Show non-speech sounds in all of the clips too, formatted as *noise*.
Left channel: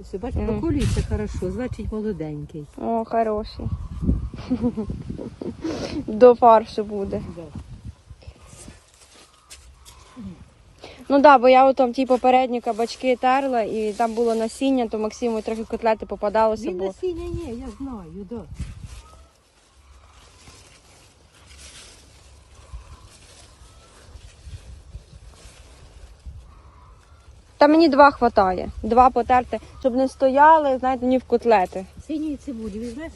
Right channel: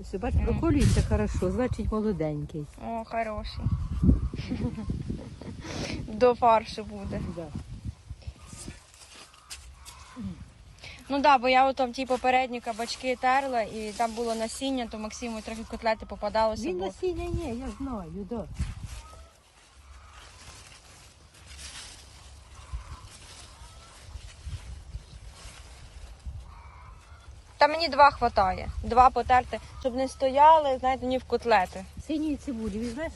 Ось, бач, Мгм. проколюється хорошо, значить молоденький. О, хороший. До фаршу буде. Да. Ну так, да, бо я там ті попередні кабачки терла і там було насіння, то Максиму трохи котлети попадалося, Він бо насіння ні, я знаю, да. Та мені два хватає. Два потерти, щоб не стояли, знаєте, ні в котлети. Синій цибулі, візьмеш?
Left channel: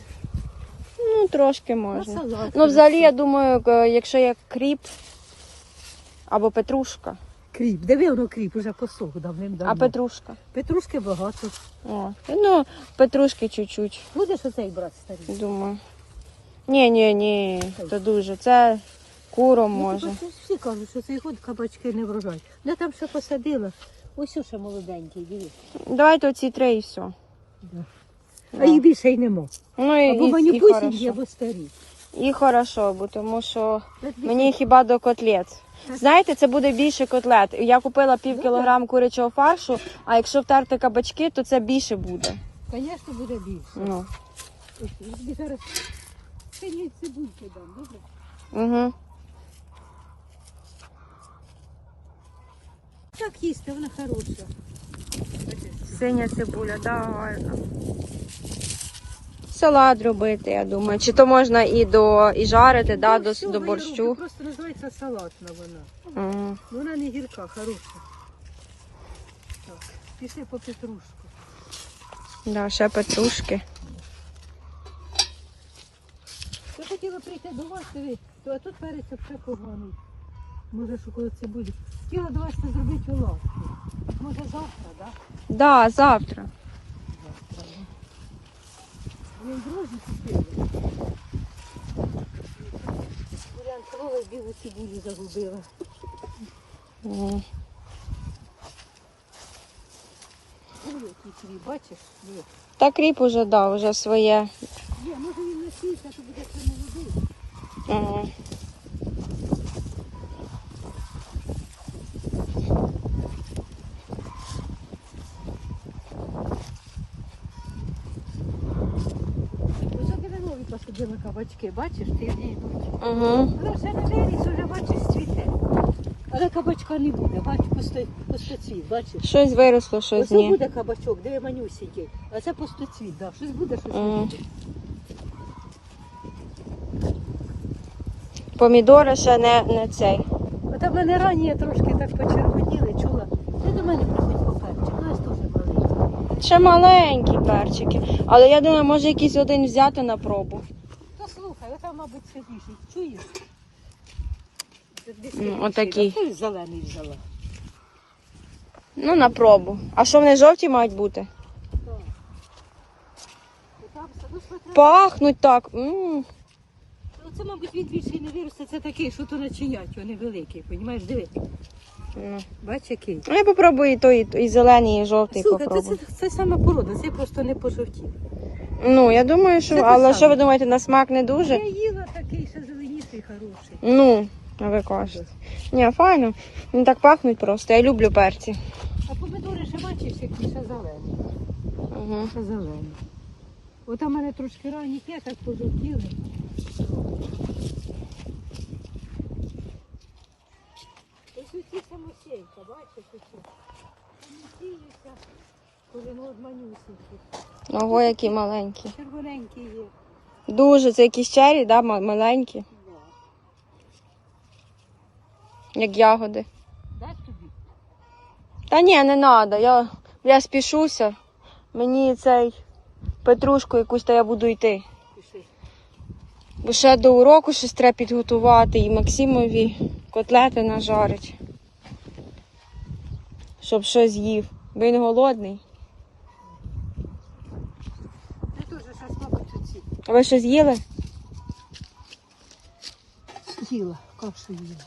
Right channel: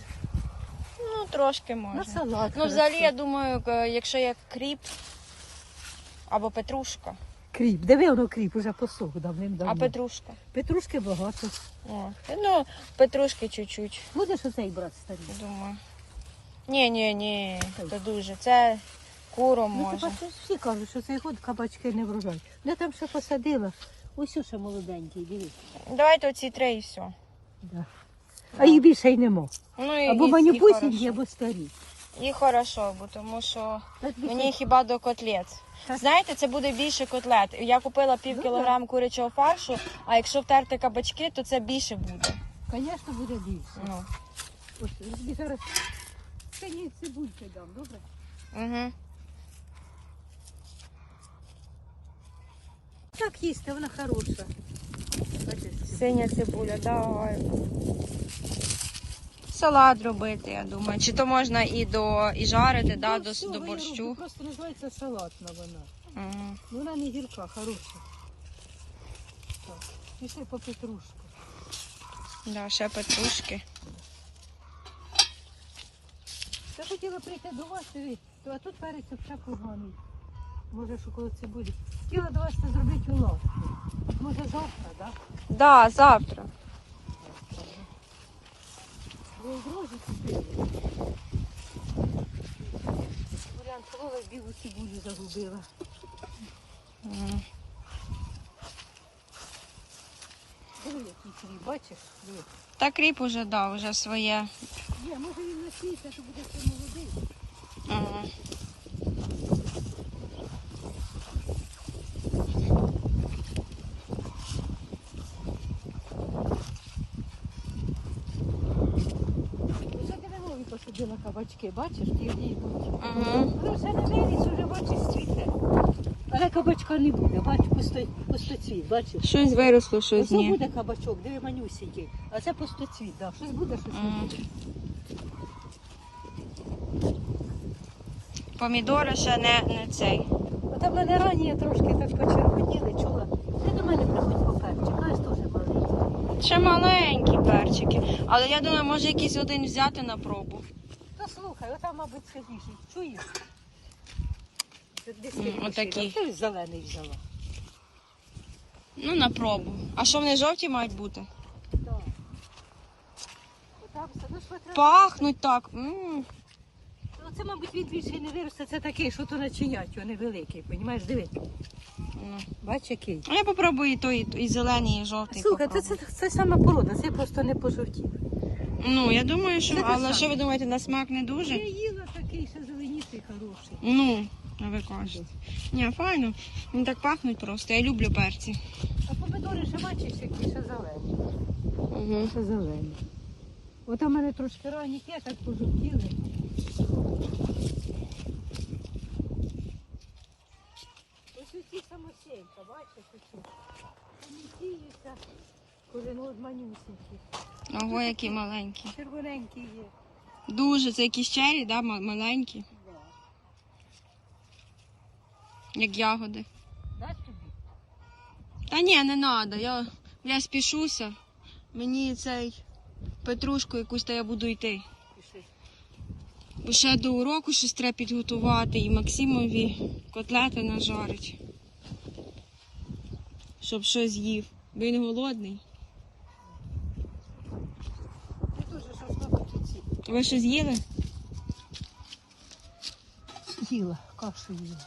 Ну, трошки На можна. салат. Ну, взагалі, я думаю, якщо як кріп або петрушка. Кріп, диви воно кріп, уже посох давним-давно. А петрушка? Петрушки багато. О, ну, петрушки чуть-чуть, Будеш оцей брат старий? думаю. Ні, ні, ні, це дуже. Це куром Ну, може. всі кажуть, що цей год кабачки не врожай. Я там ще посадила. Ось ще молоденький, дивись. Давайте оці три і все. Да. А їх більше й нема. Ну, і, Або і, вони і пусінькі, хорошо. або старі. І хорошо, бо тому що мені хіба до котлет. Знаєте, це буде більше котлет. Я купила пів Ну, кілограм курячого фаршу, а якщо втерти кабачки, то це більше буде. Звісно, буде більше. Ну. Ось, тобі зараз синій цибульки дам, добре? Угу. Так їсти, вона хороша. Синя цибуля, давай. Салат робити, я думаю. Чи то можна і до і жарити, да, до, до борщу. Просто називається салатна вона. Угу. Вона не гірка, хороша. Так. Пішли по петрушку. Да, ще петрушки. Я хотіла прийти до вас, а тут вариться все поганий. Може, що коли це буде. Хотіла до вас це зробити лавку. Може завтра, так? Да, завтра. Він друзі спили. Варіант крови білу цибулю загубила. Свій, бачиш? Та кріп уже дав, вже своє. Ні, може він насійся, то буде це молодий. Угу. Ось нові кабачки, бачиш, ти йдуть. Угу. Але вже не виріс, вже бачиш цвіте. Але кабачка не буде, бачиш, пустоцвіт, бачиш. Щось виросло, щось Оце ні. буде кабачок, диви манюсінький, а це пустоцвіт, да. щось буде, щось не Ага. буде. Помідори ще не, не цей. А там вони ранні трошки так почервоніли, чула. Ти до мене приходив перчик, аж теж маленький. Ще маленькі перчики. Але я думаю, може якийсь один взяти на пробу. Ну слухай, отам, мабуть, це більше. Чуєш? Ну, отакі. Це ж зелений взяла. Ну, на пробу. А що вони жовті мають бути? Ну, Пахнуть так. м Ну, це, мабуть, він більше не виросте, це такий, що то начинять, вони великі, розумієш, диви. Ну. Бач, який. Ну, я попробую і той, і, зелений, і жовтий Слухай, це, це, це саме порода, це просто не пожовтів. Ну, я думаю, що. Це Але що ви думаєте, на смак не дуже? Я їла такий, ще зеленіший, хороший. Ну, а ви кажете. Ні, файно. Він так пахнуть просто. Я люблю перці. А помидори ще бачиш, які ще зелені. Угу. Ще зелені. От у мене трошки ранні є, так пожовтіли. Ось ці бачиш, ось. Вони сіються, коли ну от. Ого, які маленькі. Червоненькі є. Дуже, це якісь чері, да, ма- маленькі, Да. як ягоди. Дай тобі. Та ні, не треба. Я, я спішуся. Мені цей петрушку якусь, то я буду йти. Пиши. Бо ще до уроку щось треба підготувати і Максимові котлети нажарить. Щоб щось їв. Він голодний. Ти. А ви що з'їли? Їла, капсу їла.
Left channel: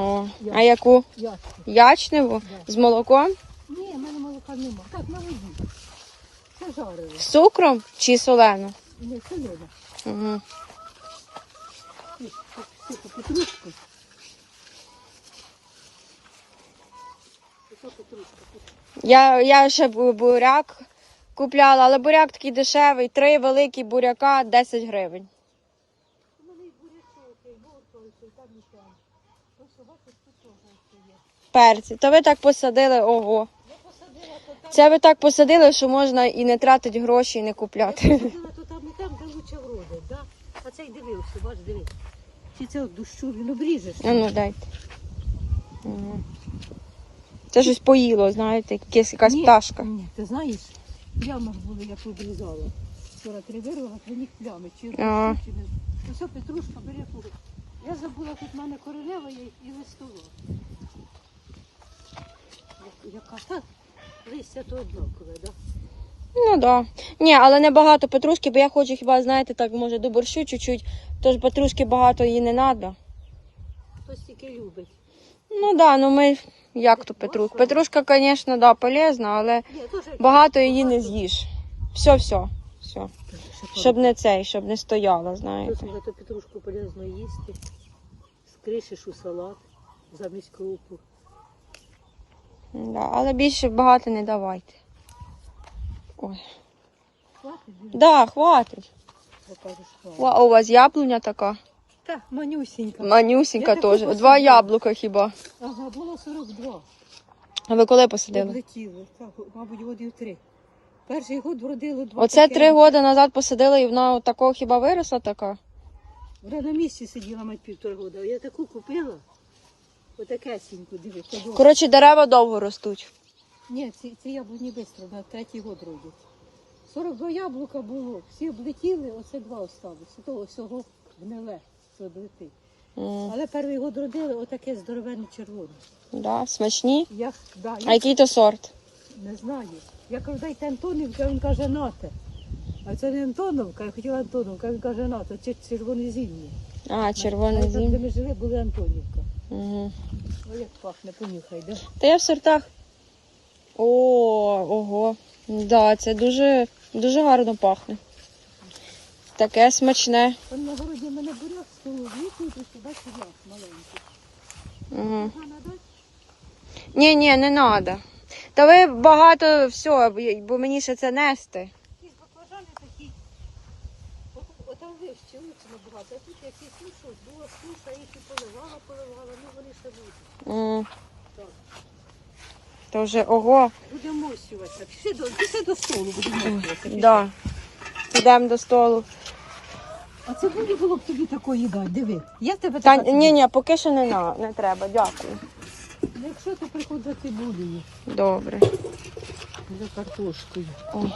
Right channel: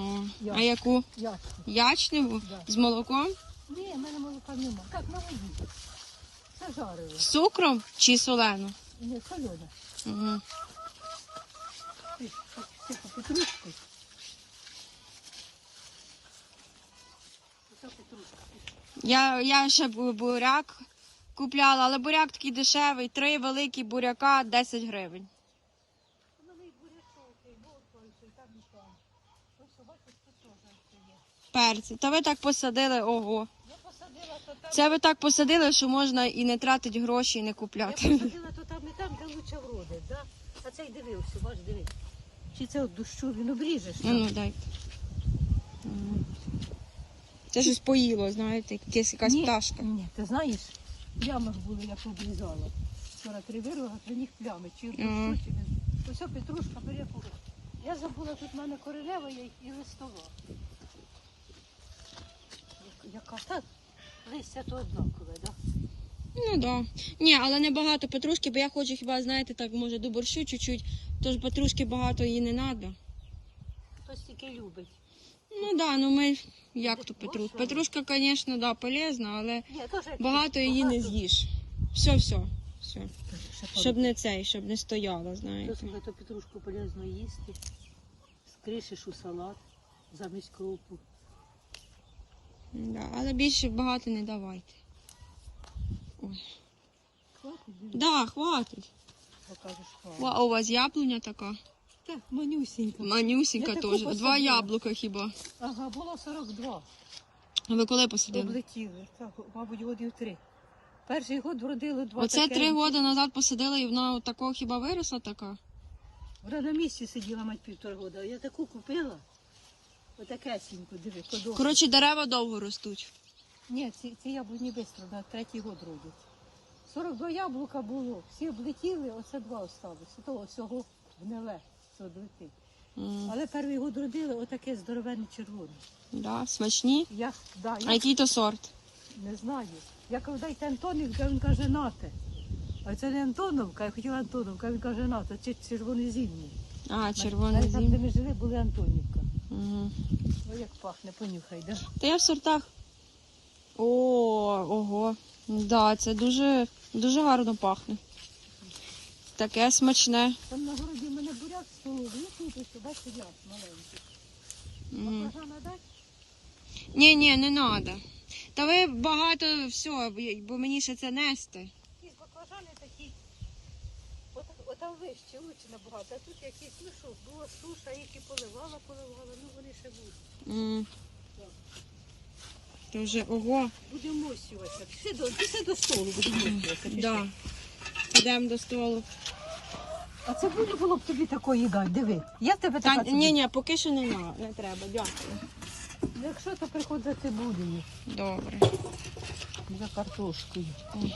О, а яку? Ячку. Ячневу? Да. З молоком? Ні, в мене молока нема. Так, на воді. Це жарили. З цукром чи солену? Ні, солена. Угу. Тихо, петрушку. Оце петрушка. Я, я ще буряк купляла, але буряк такий дешевий, три великі буряка 10 гривень. Перці. То ви так посадили, ого. Це ви так посадили, що можна і не тратити гроші, і не купляти. *laughs* А цей дивився, бач, дивись. Чи це от дощу він обріжеш? А ну дайте. Це щось поїло, знаєте, якась, якась Ні, пташка. Ні, ти знаєш, плями були, як обрізала. Вчора три вирвала, при них плями. Чи Ага. чи не- Ось петрушка бере курок. Я забула, тут в мене королева є і листова. Як- Яка та листя то однакове, да? Ну да. Ні, але не багато петрушки, бо я хочу хіба, знаєте, так може до борщу чуть-чуть, тож петрушки багато її не треба. Хтось тільки любить. Ну да, ну ми як то петрушка? Петрушка, звісно, да, полезна, але багато її не з'їш. Все, все, все. Щоб не цей, щоб не стояла, знаєте. вже то петрушку полезно їсти. Скришиш у салат замість крупу. Да, але більше багато не давайте. Ой. Хватить, Да, хватить. покажеш. Ва, у вас яблуня така. Так, манюсінька. Манюсінька Я таку теж. Два посадила. яблука хіба. Ага, було 42. А ви коли посадили? Облетіли. Так, мабуть, годів три. Перший год вродили два. Оце таке. три роки назад посадили і вона такого хіба виросла така? Вона на місці сиділа мать півтора года. Я таку купила. Отаке сіньку, диви, подобається. Коротше, дерева довго ростуть. Ні, ці, ці яблуні швидко, на третій год родять. 42 яблука було, всі облетіли, оце два осталось. Того всього гниле, долетить. М, Але перший год родили отаке здоровенне червоне. Да, смачні. Я, да, А який то сорт? не знаю. Я кажу, дайте Антонівка, він каже, нате. А це не Антоновка, я хотіла Антоновка, він каже, нате, це червонозімні. А, червоний Але там, де зім. ми жили, були Антонівка. Угу. Ой, як пахне, понюхай, да? Та я в сортах. О, ого. Да, це дуже, дуже гарно пахне. Таке смачне. Там на городі в мене буряк сюди буряк маленький. Угу. Ні, ні, не треба. Та ви багато все, бо мені ще це нести. Ці баклажани такі. От, от там вище, лучше набагато. А тут якісь, ну що, була суша, які поливала, поливала, ну вони ще будуть. Так. То вже ого. Будемо мощуватися. Пішли до, пішли до столу, будемо мощуватися. пішли. Да. Йдемо до столу. А це буде було б тобі такої дати, диви. Як тебе Та така ні, ні, поки що не, на, не треба, дякую. Якщо то приходити буду Добре. за картошкою. Ой.